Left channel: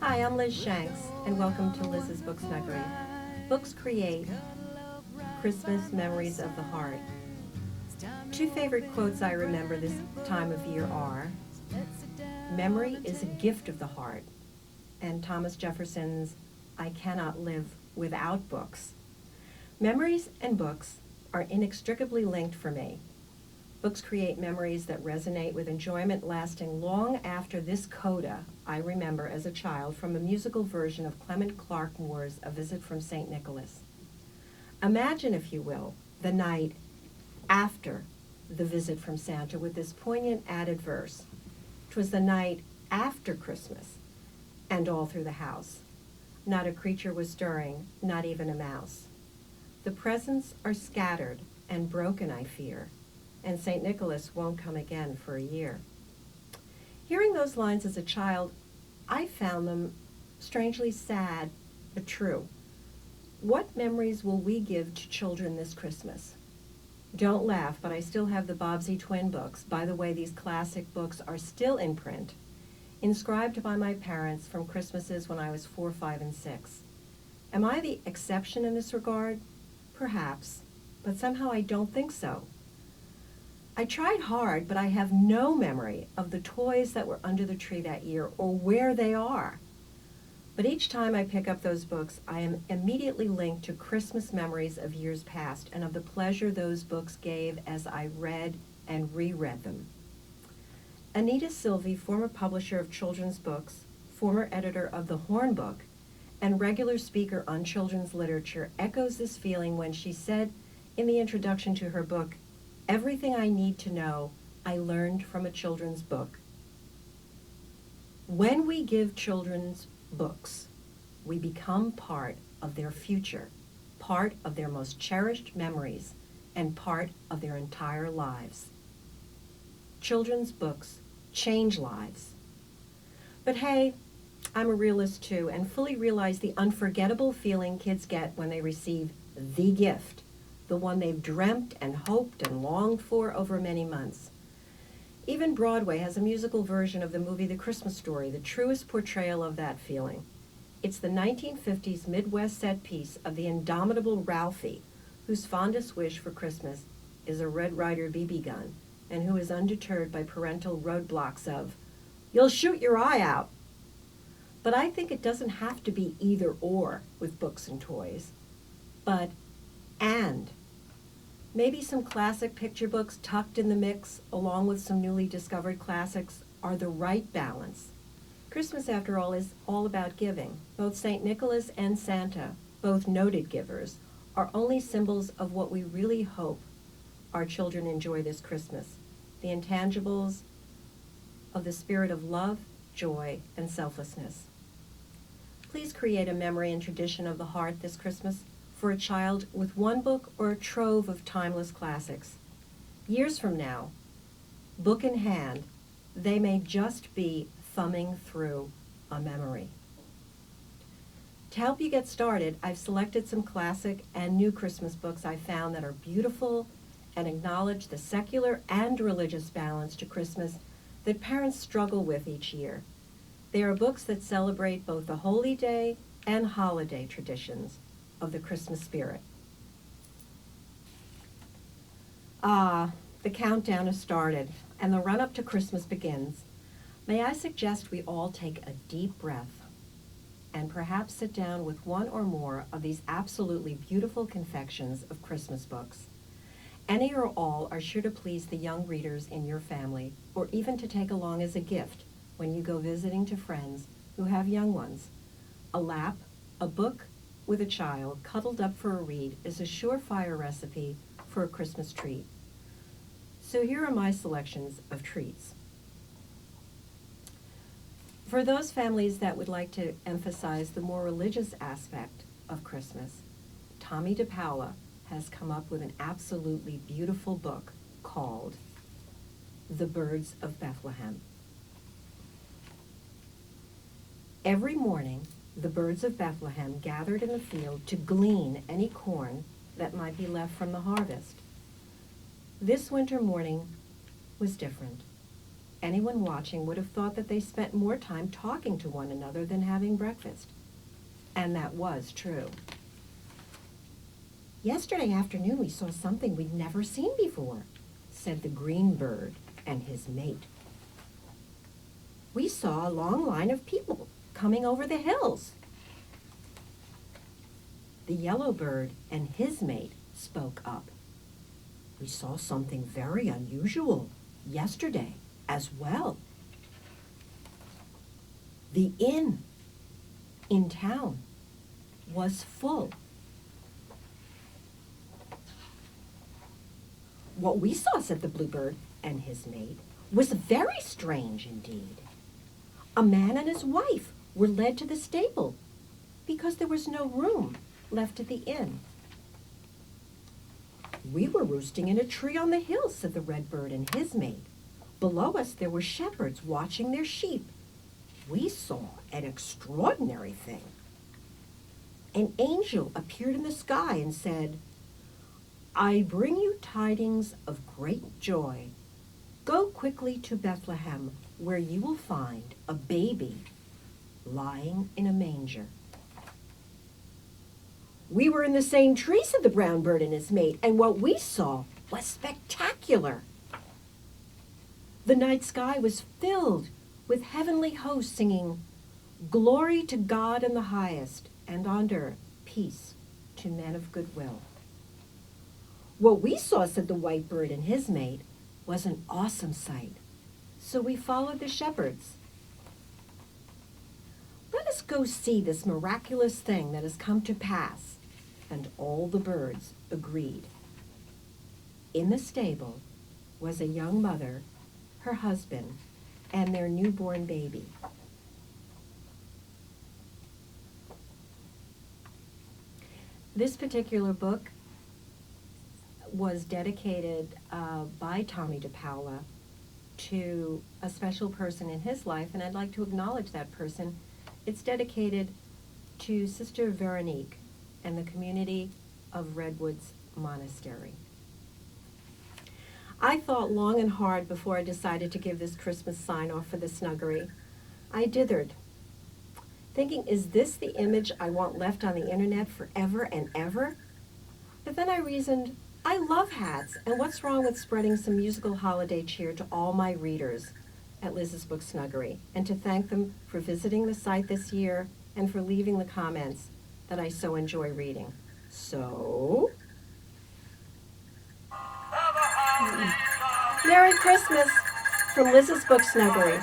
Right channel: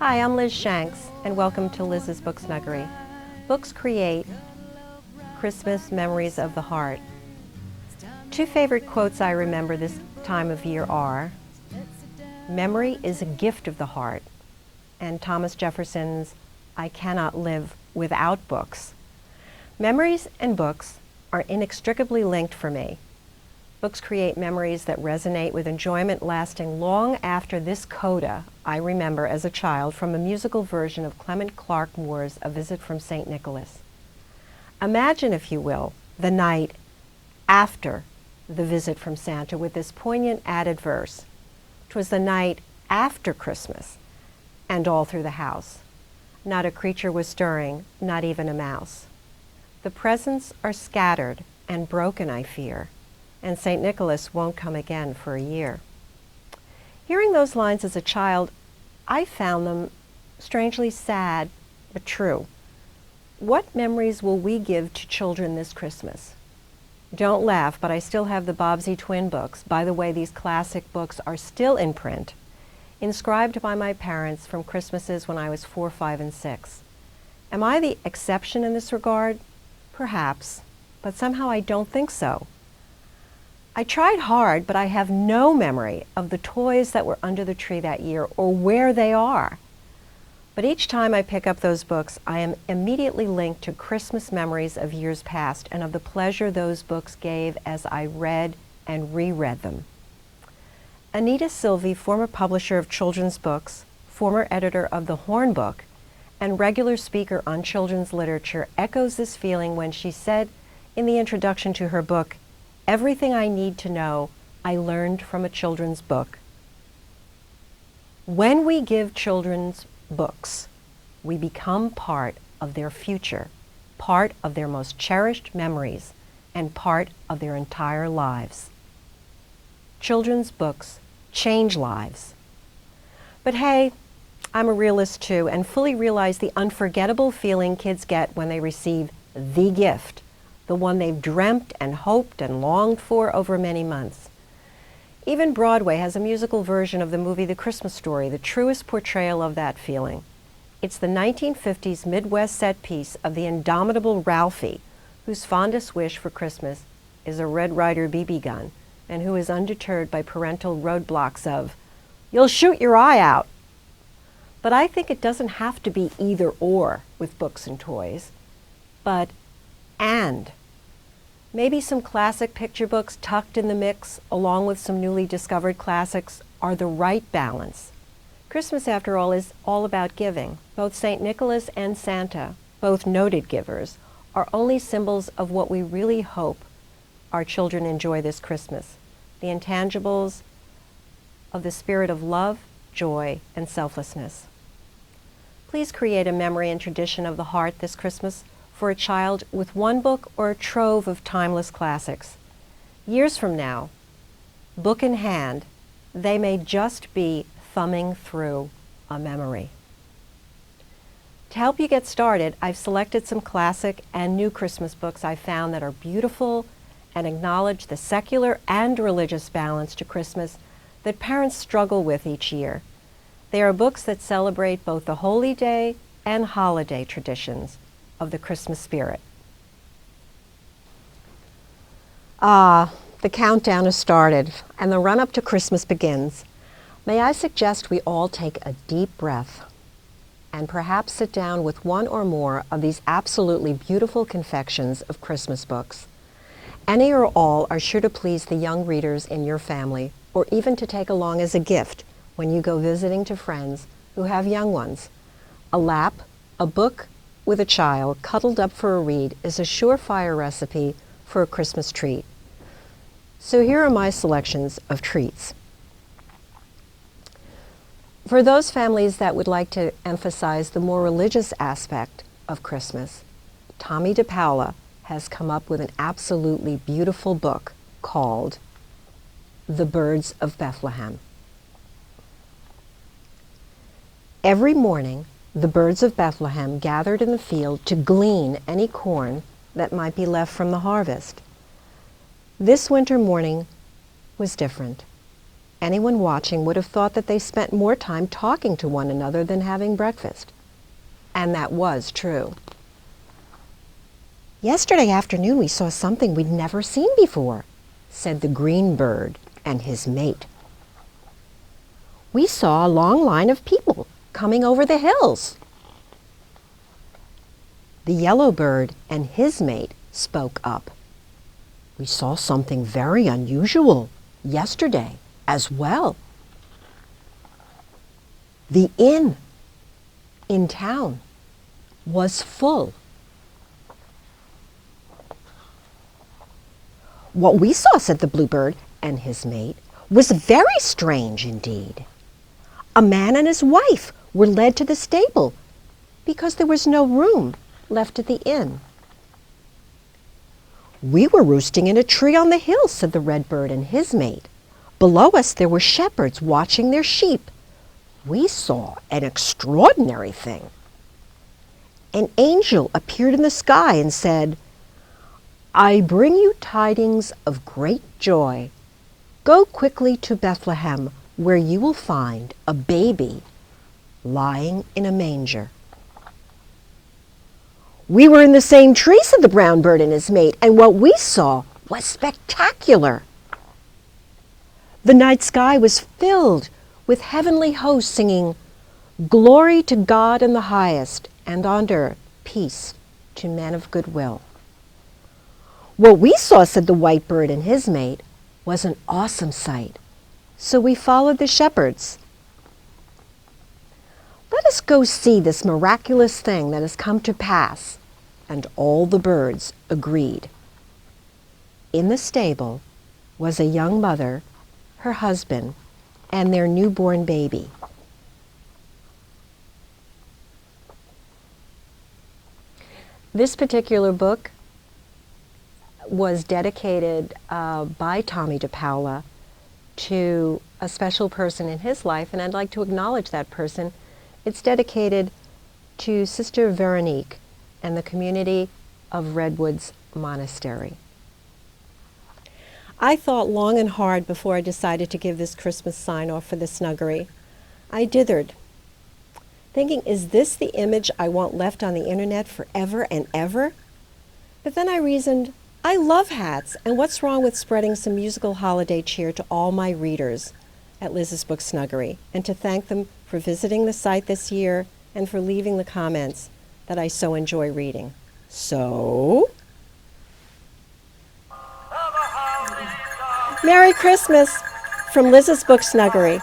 Hi, I'm Liz Shanks, and welcome to Liz's Book Snuggery. Books create Christmas memories of the heart. Two favorite quotes I remember this time of year are, "Memory is a gift of the heart," and Thomas Jefferson's, "I cannot live without books." Memories and books are inextricably linked for me. Books create memories that resonate with enjoyment lasting long after this coda I remember as a child from a musical version of Clement Clarke Moore's A Visit from St. Nicholas. Imagine, if you will, the night after the visit from Santa with this poignant added verse. 'Twas the night after Christmas, and all through the house. Not a creature was stirring, not even a mouse. The presents are scattered and broken, I fear, and St. Nicholas won't come again for a year. Hearing those lines as a child, I found them strangely sad, but true. What memories will we give to children this Christmas? Don't laugh, but I still have the Bobbsey twin books. By the way, these classic books are still in print, inscribed by my parents from Christmases when I was 4, 5, and 6. Am I the exception in this regard? Perhaps, but somehow I don't think so. I tried hard, but I have no memory of the toys that were under the tree that year or where they are. But each time I pick up those books, I am immediately linked to Christmas memories of years past and of the pleasure those books gave as I read and reread them. Anita Silvey, former publisher of children's books, former editor of The Horn Book, and regular speaker on children's literature, echoes this feeling when she said in the introduction to her book, "Everything I need to know, I learned from a children's book." When we give children's books, we become part of their future, part of their most cherished memories, and part of their entire lives. Children's books change lives. But hey, I'm a realist too, and fully realize the unforgettable feeling kids get when they receive the gift, the one they've dreamt and hoped and longed for over many months. Even Broadway has a musical version of the movie The Christmas Story, the truest portrayal of that feeling. It's the 1950s Midwest set piece of the indomitable Ralphie, whose fondest wish for Christmas is a Red Ryder BB gun, and who is undeterred by parental roadblocks of, "You'll shoot your eye out." But I think it doesn't have to be either or with books and toys, but and. Maybe some classic picture books tucked in the mix, along with some newly discovered classics, are the right balance. Christmas, after all, is all about giving. Both St. Nicholas and Santa, both noted givers, are only symbols of what we really hope our children enjoy this Christmas, the intangibles of the spirit of love, joy, and selflessness. Please create a memory and tradition of the heart this Christmas for a child with one book or a trove of timeless classics. Years from now, book in hand, they may just be thumbing through a memory. To help you get started, I've selected some classic and new Christmas books I found that are beautiful and acknowledge the secular and religious balance to Christmas that parents struggle with each year. They are books that celebrate both the holy day and holiday traditions of the Christmas spirit. The countdown has started and the run-up to Christmas begins. May I suggest we all take a deep breath and perhaps sit down with one or more of these absolutely beautiful confections of Christmas books. Any or all are sure to please the young readers in your family, or even to take along as a gift when you go visiting to friends who have young ones. A lap, a book, with a child cuddled up for a read is a surefire recipe for a Christmas treat. So here are my selections of treats. For those families that would like to emphasize the more religious aspect of Christmas, Tomie dePaola has come up with an absolutely beautiful book called The Birds of Bethlehem. Every morning, the birds of Bethlehem gathered in the field to glean any corn that might be left from the harvest. This winter morning was different. Anyone watching would have thought that they spent more time talking to one another than having breakfast. And that was true. "Yesterday afternoon we saw something we'd never seen before," said the green bird and his mate. "We saw a long line of people coming over the hills." The yellow bird and his mate spoke up. "We saw something very unusual yesterday as well. The inn in town was full." "What we saw," said the bluebird and his mate, "was very strange indeed. A man and his wife were led to the stable because there was no room left at the inn." "We were roosting in a tree on the hill," said the redbird and his mate. "Below us there were shepherds watching their sheep. We saw an extraordinary thing. An angel appeared in the sky and said, 'I bring you tidings of great joy. Go quickly to Bethlehem, where you will find a baby lying in a manger.'" "We were in the same tree," said the brown bird and his mate, "and what we saw was spectacular. The night sky was filled with heavenly hosts singing, 'Glory to God in the highest, and on earth peace to men of good will.' What we saw," said the white bird and his mate, "was an awesome sight. So we followed the shepherds." "Let us go see this miraculous thing that has come to pass." And all the birds agreed. In the stable was a young mother, her husband, and their newborn baby. This particular book was dedicated by Tomie dePaola to a special person in his life, and I'd like to acknowledge that person. It's dedicated to Sister Veronique and the community of Redwoods Monastery. I thought long and hard before I decided to give this Christmas sign-off for the Snuggery. I dithered, thinking, is this the image I want left on the internet forever and ever? But then I reasoned, I love hats, and what's wrong with spreading some musical holiday cheer to all my readers at Liz's Book Snuggery, and to thank them for visiting the site this year and for leaving the comments that I so enjoy reading. So, Merry Christmas from Liz's Book Snuggery.